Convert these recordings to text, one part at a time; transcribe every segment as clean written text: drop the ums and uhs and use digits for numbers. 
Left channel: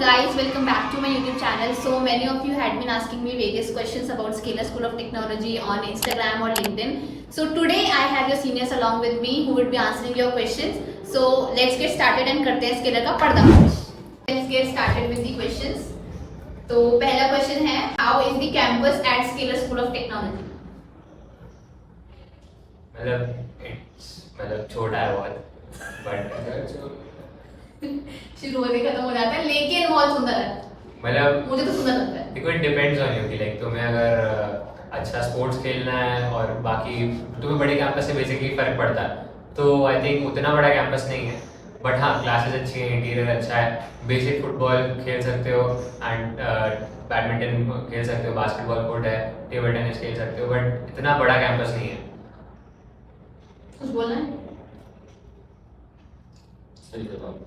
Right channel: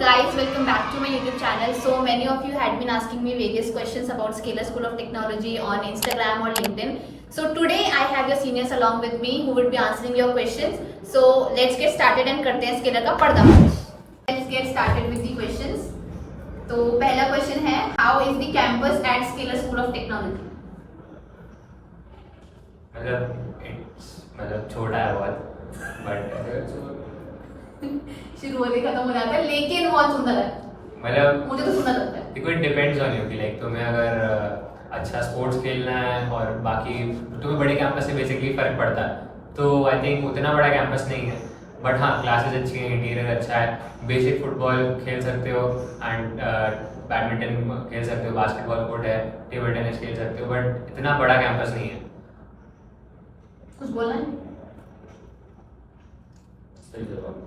guys, welcome back to my YouTube channel. So many of you had been asking me various questions about Scalar School of Technology on Instagram or LinkedIn. So today I have your seniors along with me who would be answering your questions. So let's get started and करते हैं Scalar का पर्दाफाश. Let's get started with the questions. तो पहला question है, how is the campus at Scalar School of Technology? मतलब छोटा है बहुत, बट शुरू होते खत्म हो जाता है, लेकिन बहुत सुंदर है. मतलब मुझे तो सुंदर लगता है. देखो, इट डिपेंड्स ऑन यू कि लाइक तुम्हें अगर अच्छा स्पोर्ट्स खेलना है और बाकी तुम्हें बड़े कैंपस से बेसिकली फर्क पड़ता है, तो आई थिंक उतना बड़ा कैंपस नहीं है. बट हाँ, क्लासेस अच्छी हैं, इंटीरियर अच्छा है, बेसिक फुटबॉल खेल सकते हो एंड बैडमिंटन खेल सकते हो, बास्केटबॉल कोर्ट है, टेबल टेनिस खेल सकते हो, बट इतना बड़ा कैंपस नहीं है. कुछ बोलना है? सही जवाब.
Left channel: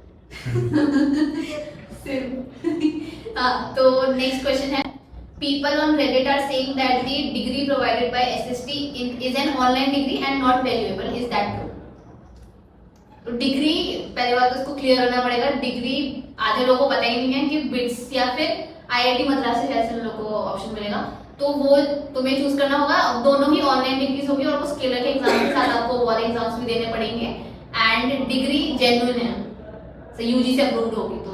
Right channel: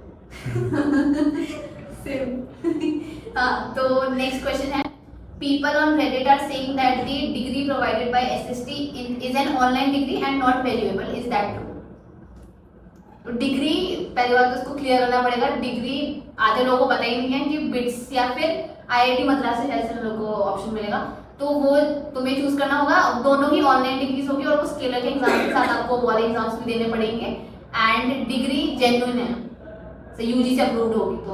हाँ, तो नेक्स्ट क्वेश्चन है, people on Reddit are saying that the degree provided by SST is an online degree and not valuable. Is that true? तो डिग्री, पहली बात तो उसको क्लियर करना पड़ेगा. डिग्री आधे लोगों को पता ही नहीं है कि बिट्स या फिर IIT मद्रास से ऐसे लोगों को ऑप्शन मिलेगा, तो वो तुम्हें चूज करना होगा. दोनों ही ऑनलाइन डिग्रीज होगी और वो स्केलर के एग्जाम के साथ आपको वाले एग्जाम्स भी देने पड़ेंगे. एंड डिग्री जेन्युइन है, तो यूजी से अप्रूव्ड होगी, तो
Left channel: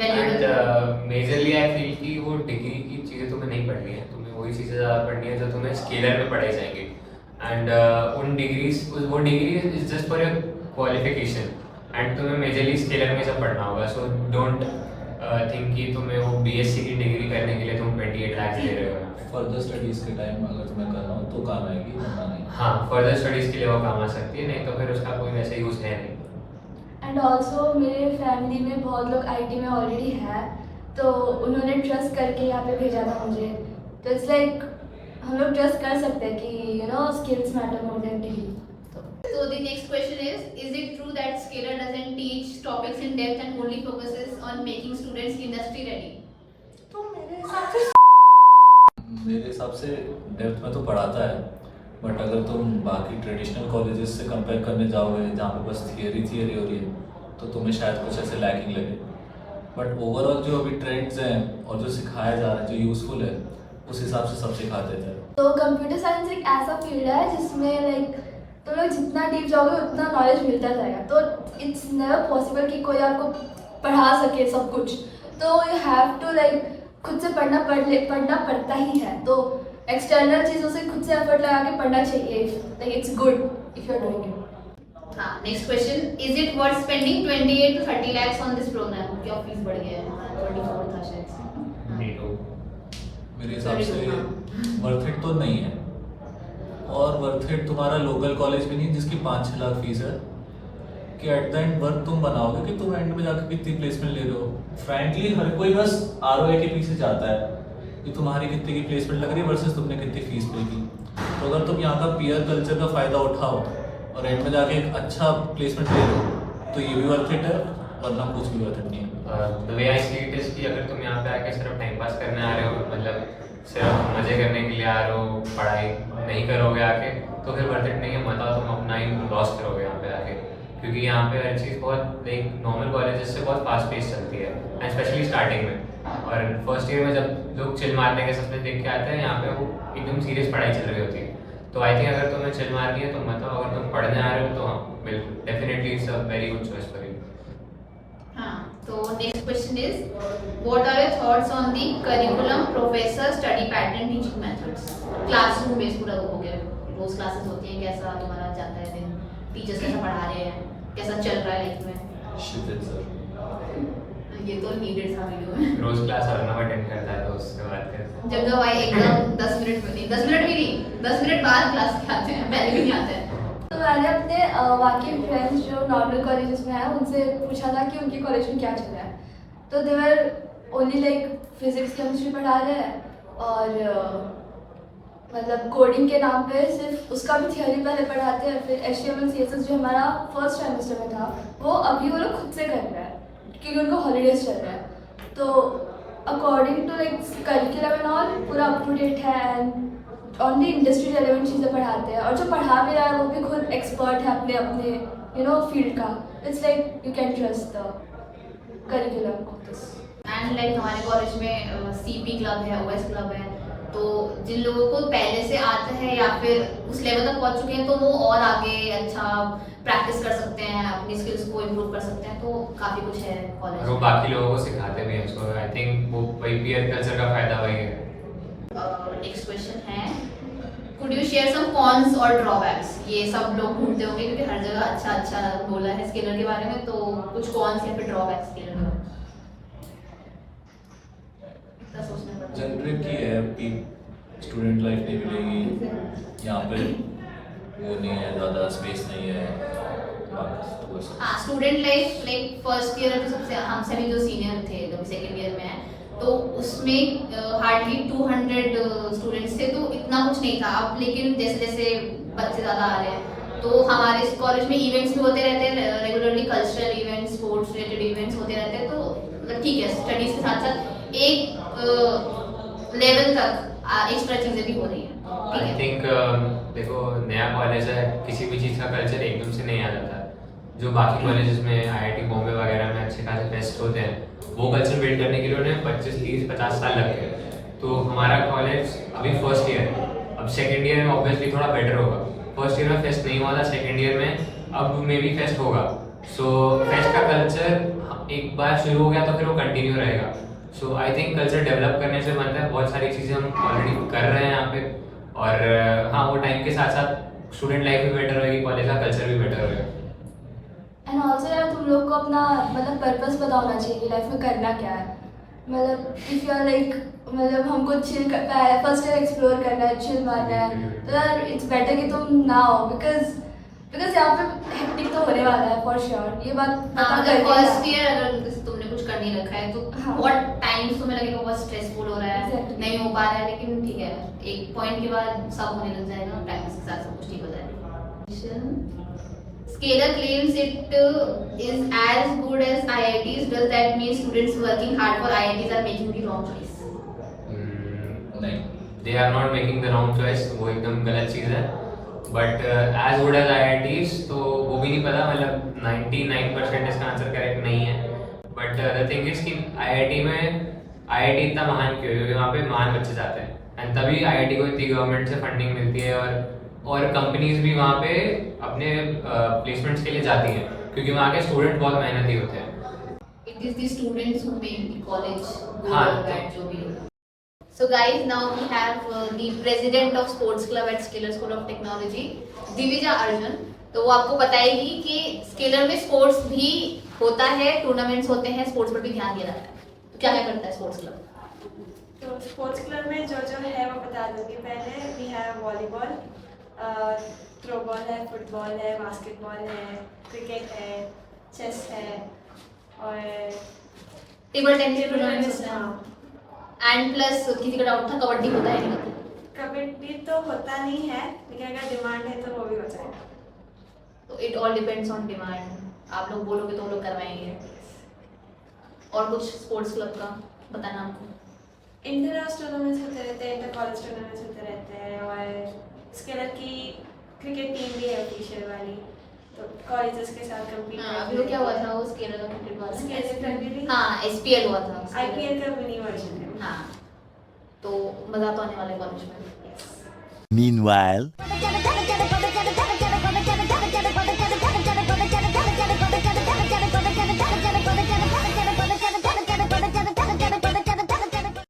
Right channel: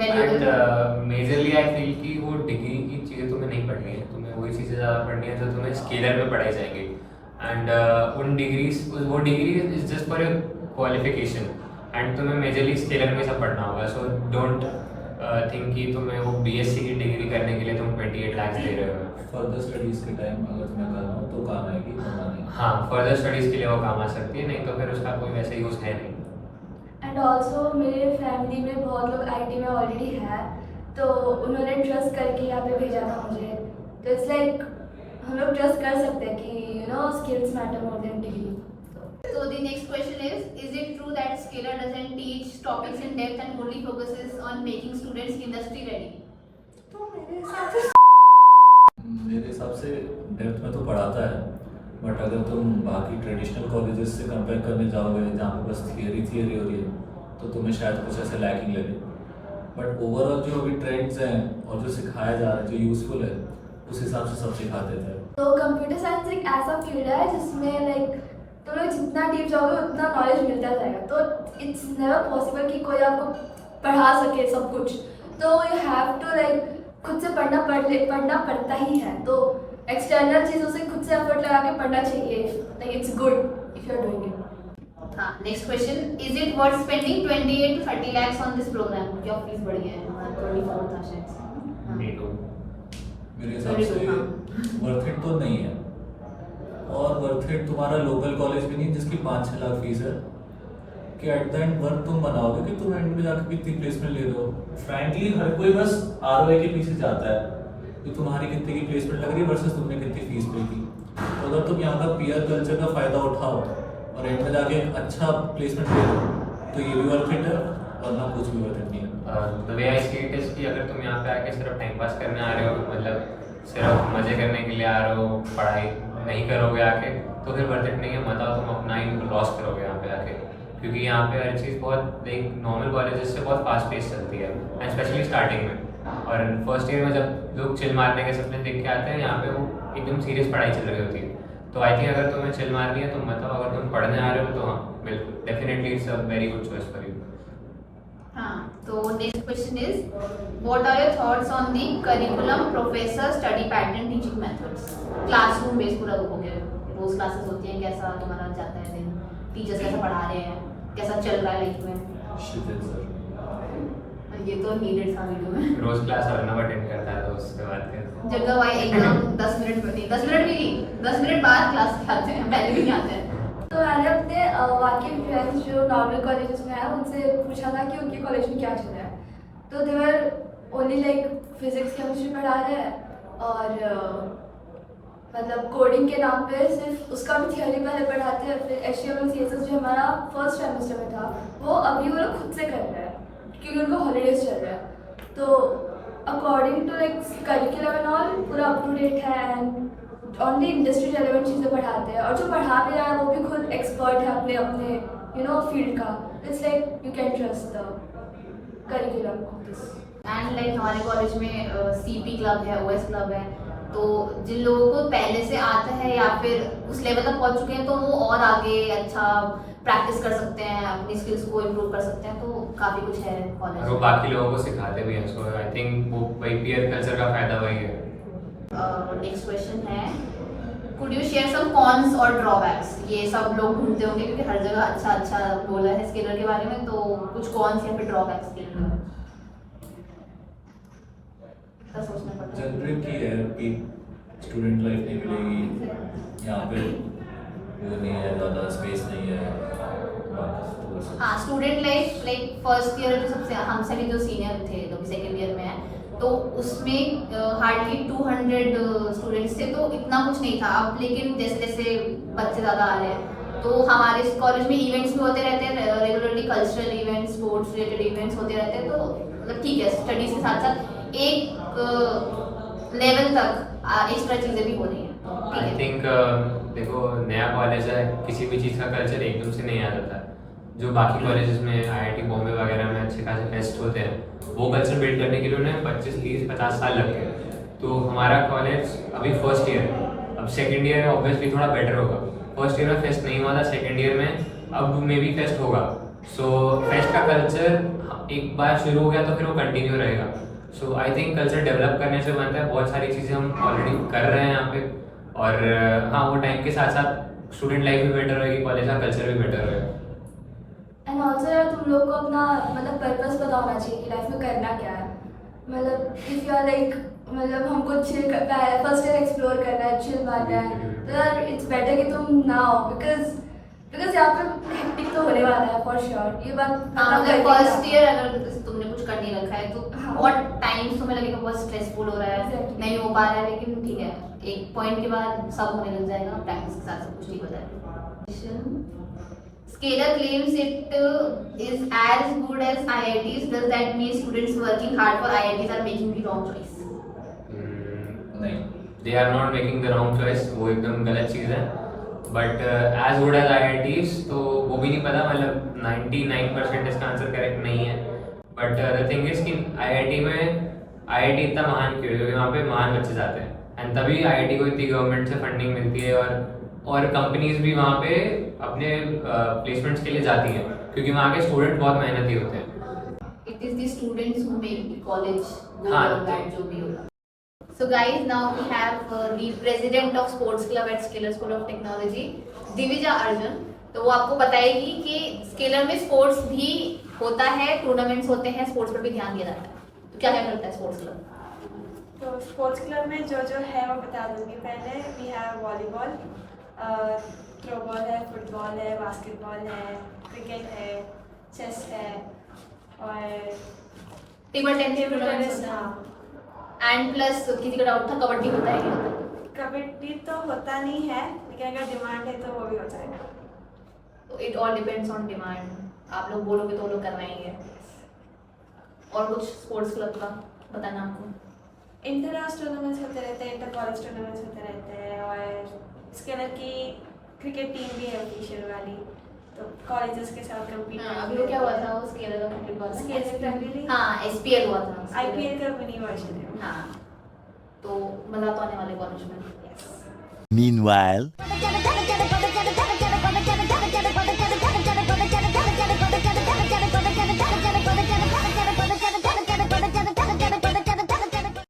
एंड मेजरली आई फील कि वो डिग्री की चीज़ें तुम्हें नहीं पढ़नी है, तुम्हें वही चीज़ें ज़्यादा पढ़नी है जो तुम्हें स्केलर में पढ़ाई जाएंगी. एंड उन डिग्रीज, वो degree is just for your qualification and तुम्हें मेजरली स्केलर में सब पढ़ना होगा. सो डोंट थिंक कि तुम्हें वो BSc की डिग्री करने के लिए तुम 28 लाख दे रहे हो. फर्दर स्टडीज के टाइम अगर तुम्हें करना हो तो काम आएगी, वरना नहीं. हाँ, फर्दर स्टडीज़ के लिए वो काम आ सकती है, नहीं तो फिर उसका कोई वैसे यूज़ है नहीं. एंड ऑल्सो मेरे फैमिली में बहुत लोग IT में ऑलरेडी है, तो उन्होंने ट्रस्ट करके यहाँ पे भेजा था मुझे. तो इट्स लाइक हम लोग ट्रस्ट कर सकते हैं कि skills matter more than degree. So the next question is it true that Scalar doesn't teach topics in depth and only focuses on making students industry ready? तो मेरे हिसाब से डेप्थ में तो पढ़ाता है, बट अगर तुम बाकी ट्रेडिशनल कॉलेजेस से कंपेयर करने जाओगे जहाँ पे बस थियरी हो रही है, तो तुम्हें शायद कुछ ऐसे लैकिंग लगे. बट ओवरऑल जो अभी ट्रेंड्स हैं और जो सिखाया जा रहा है, जो यूज़फुल है, उस हिसाब से सब सिखा देता है. तो कंप्यूटर साइंस एक ऐसा फील्ड है जिसमें लाइक तुम लोग जितना डीप जाओगे उतना नॉलेज मिलता जाएगा. तो इट्स नेवर पॉसिबल कि कोई आपको पढ़ा सके सब कुछ. तो यू हैव टू लाइक खुद से पढ़ना पड़ता ही है. तो एक्सटर्नल चीज़ों से खुद से एफर्ट लगा के पढ़ना चाहिए. Like it's good if you are doing it. हाँ, next question, is it worth spending 28 to 30 lakhs on this program? क्या फीस बढ़ गया है, हमारा 24 था शायद. हाँ. 22. मेरे हिसाब से वर्थ इट तो नहीं है, और वर्थ इट तुम्हारा लोकल कॉलेज भी नहीं जिसकी 5-6 लाख फीस है, कि एट द एंड वर्थ तुम बनाओगे कि तुम एंड में जाकर कितनी प्लेसमेंट ले रहे हो. फ्रैंकली हर कोई बस ROI के पीछे जाता है कि तुम्हारी कितने की प्लेसमेंट लग रही है वर्सेस तुमने कितनी फीस पे की. तो अगर तुम यहाँ का पीयर कल्चर का फ़ायदा उठाओ और एंड में जाके एक अच्छा प्लेसमेंट ले लो, तो ये भी वर्थ इट है, वरना कुछ भी वर्थ इट नहीं है. The way I see it is कि अगर तुम यहाँ पे आके सिर्फ टाइम पास करने आ रहे हो, मतलब सिर्फ मजे करने के लिए आ रहे हो, पढ़ाई नहीं करोगे आके, तो फिर वर्थ इट नहीं है. मत आओ, तुम अपना ही लॉस करोगे यहाँ पे आके, क्योंकि यहाँ पे हर चीज़ बहुत लाइक नॉर्मल कॉलेजेस से बहुत फास्ट पेस चलती है, एंड स्पेशली स्टार्टिंग में. और फर्स्ट ईयर में जब लोग चिल मारने के सपने देख के आते हैं, यहाँ पे वो एकदम सीरियस पढ़ाई चल रही होती है. तो आई थिंक अगर तुम्हें चिल मारनी है तो मत आओ. अगर तुम पढ़ने आ रहे हो तो हाँ, बिल्कुल, definitely it's a very good choice for you. हाँ, तो next question is, what are your thoughts on the curriculum, professor, study pattern, teaching methods? Classroom base पूरा हो गया, रोज क्लासेस होती हैं, कैसा तुम्हारा जाता है दिन, टीचर्स कैसा पढ़ा रहे हैं, कैसा चल रहा है लाइफ में? शिट सर, ये तो नीडेड था वीडियो में. रोज क्लास अर्नव अटेंड करता है, तो उससे बात करते हैं. जगह भाई एकदम 10 मिनट में नहीं, 10 मिनट भी नहीं, 10 मिनट बाद क्लास के आते हैं, पहले भी नहीं आते हैं. तो मैंने अपने बाकी फ्रेंड्स जो नॉर्मल कॉलेजेस में हैं उनसे पूछा था कि उनके कॉलेज में क्या चल रहा है. तो they were only like physics chemistry पढ़ा रहे हैं, और मतलब कोडिंग के नाम पे सिर्फ उसका भी थियोरी पहले पढ़ाते हैं. फिर HTML CSS जो हमारा फर्स्ट सेमेस्टर में था, वो अभी वो लोग खुद से कर रहे हैं क्योंकि उनको हॉलीडेज चल रहा है. तो according to like curriculum and all पूरा अप टू डेट है, and on the industry relevant चीज़ें पढ़ाते हैं. और जो पढ़ा भी रहा है वो भी खुद एक्सपर्ट है अपने फील्ड का. It's like you can trust the curriculum of this. And like हमारे कॉलेज में सीपी क्लब है, ओएस क्लब है, तो जिन लोगों को पहले से आता है या फिर उस लेवल तक पहुंच चुके हैं तो वो और आगे अच्छा प्रैक्टिस कर सकते हैं, अपनी स्किल्स को इम्प्रूव कर सकते हैं, तो काफ़ी कुछ है और वो कॉलेज। बाकी लोगों को सिखाते भी हैं, सो आई थिंक वो वही पीयर कल्चर का फायदा वही है। नेक्स्ट क्वेश्चन है, could you share some cons और ड्रॉबैक्स? ये सब लोग ढूंढते होंगे क्योंकि हर जगह अच्छा अच्छा बोला है स्केलर के बारे में, तो कुछ कॉन्स या फिर ड्रॉबैक्स स्केलर के बारे में इतना सोचना पड़ता है। जनरिक ही है कि स्टूडेंट लाइफ नहीं मिलेगी यहाँ पे, वो नहीं है, ज़्यादा स्पेस नहीं है, बस तो बस। हाँ, student life like first year जो सबसे हमसे भी जो सीनियर थे, जो भी सेकेंड ईयर में है, तो उसमें हार्डली 200 स्टूडेंट्स थे, तो इतना कुछ नहीं था। अब लेकिन जैसे जैसे बच्चे ज़्यादा आ रहे हैं, तो हमारे कॉलेज में इवेंट्स भी होते रहते हैं regularly, cultural events, sports related events होते रहते हैं, तो मतलब ठीक है, स्टडीज़ के साथ साथ एक लेवल तक एक्स्ट्रा चीज़ें भी हो रही हैं, ठीक आई है। थिंक देखो, नया कॉलेज है, किसी भी चीज़ का कल्चर एकदम से नहीं आ जाता है। जो बाकी कॉलेजेस में आईआईटी बॉम्बे वगैरह में अच्छे खासे फेस्ट होते हैं, वो कल्चर बिल्ड करने के लिए उन्हें 25, 30, 50 साल लग गए। तो हमारा कॉलेज अभी फर्स्ट ईयर है, अब सेकेंड ईयर में ऑब्वियसली थोड़ा बेटर होगा। फर्स्ट ईयर में फेस्ट नहीं हुआ था, सेकेंड ईयर में अब मे बी फेस्ट होगा। सो फेस्ट का कल्चर एक बार शुरू हो गया तो फिर वो कंटिन्यू रहेगा। सो आई थिंक कल्चर डेवलप करने से बनता है, बहुत सारी चीज़ें हम ऑलरेडी कर रहे हैं यहाँ पे, और हाँ, वो टाइम के साथ साथ स्टूडेंट लाइफ भी बेटर रहेगी, कॉलेज का कल्चर भी बेटर रहेगा। एंड ऑल्सो यार तुम लोग को अपना मतलब पर्पस पता होना चाहिए कि लाइफ में करना क्या है। मतलब इफ़ यू आर लाइक मतलब हमको चिल फर्स्ट ईयर एक्सप्लोर करना है, चिल मारना है, तो यार इट्स बेटर कि तुम ना हो, बिकॉज यहाँ पे हेक्टिक तो होने वाला है फॉर श्योर। ये बात पता अगर करके फर्स्ट जाना। ईयर अगर जैसे तुमने कुछ कर नहीं रखा है तो हाँ। बहुत टाइम तुम्हें लगेगा बहुत स्ट्रेसफुल हो रहा है, Exactly. नहीं हो पा रहा है, लेकिन ठीक है, एक पॉइंट के बाद सब होने लग जाएगा, प्रैक्टिस के साथ सब कुछ ठीक हो जाएगा। Scalar claims it is as good as IITs. Does that mean students working hard for IITs are making the wrong choice? नहीं, they are not making the wrong choice, वो एकदम गलत चीज़ है। But as good as IITs तो वो भी नहीं पता, मतलब 99% इसका आंसर करेक्ट नहीं है। बट द थिंग इज कि IIT इतना महान क्यों है? क्योंकि वहाँ पे महान बच्चे जाते हैं, एंड तभी IIT को इतनी गवर्नमेंट से फंडिंग मिलती है, और कंपनीज भी वहाँ पे अपने प्लेसमेंट्स के लिए जाती हैं, क्योंकि वहाँ के स्टूडेंट बहुत मेहनती होते हैं। It is the students who make the college good हाँ, or bad, जो भी होगा। So guys, now we have the president of sports club at Scalar School of Technology, Divija Arjun. तो वो आपको बताएगी कि स्केलर में स्पोर्ट्स भी होता है, टूर्नामेंट्स होते हैं, स्पोर्ट्स पर भी ध्यान दिया जाता है। तो क्या क्या करता है स्पोर्ट्स क्लब? तो स्पोर्ट्स क्लब में जो जो है वो बता दूंगी। पहले वी हैव वॉलीबॉल, थ्रोबॉल है, फुटबॉल है, बास्केटबॉल है, क्रिकेट है, चेस है, और table tennis table tournaments tennis. होते हाँ, हैं। एंड प्लस किसी का डाउट था, कबड्डी होता है नहीं होता? कबड्डी तो होता नहीं है, लेकिन अगर डिमांड है तो वो भी हो जाएगा। तो it all depends on demand, आप लोग बोलोगे तो वो लोग करवाएंगे। और कुछ स्पोर्ट्स क्लब का बताना आपको? इंटर हाउस टूर्नामेंट्स होते रहते हैं, इंटर कॉलेज टूर्नामेंट्स होते रहते हैं, और स्केलर की क्रिकेट टीम भी है ऑफिशियल वाली, तो कॉलेजेस के साथ कम्पीट हाँ, अभी वो क्या हुआ था, वो स्केलर का क्रिकेट वाला? Scalar Premier League? हाँ, SPL हुआ था। IPL का मिनी वर्जन है। हाँ, तो मजा तो आने वाले कॉलेज में। Meanwhile,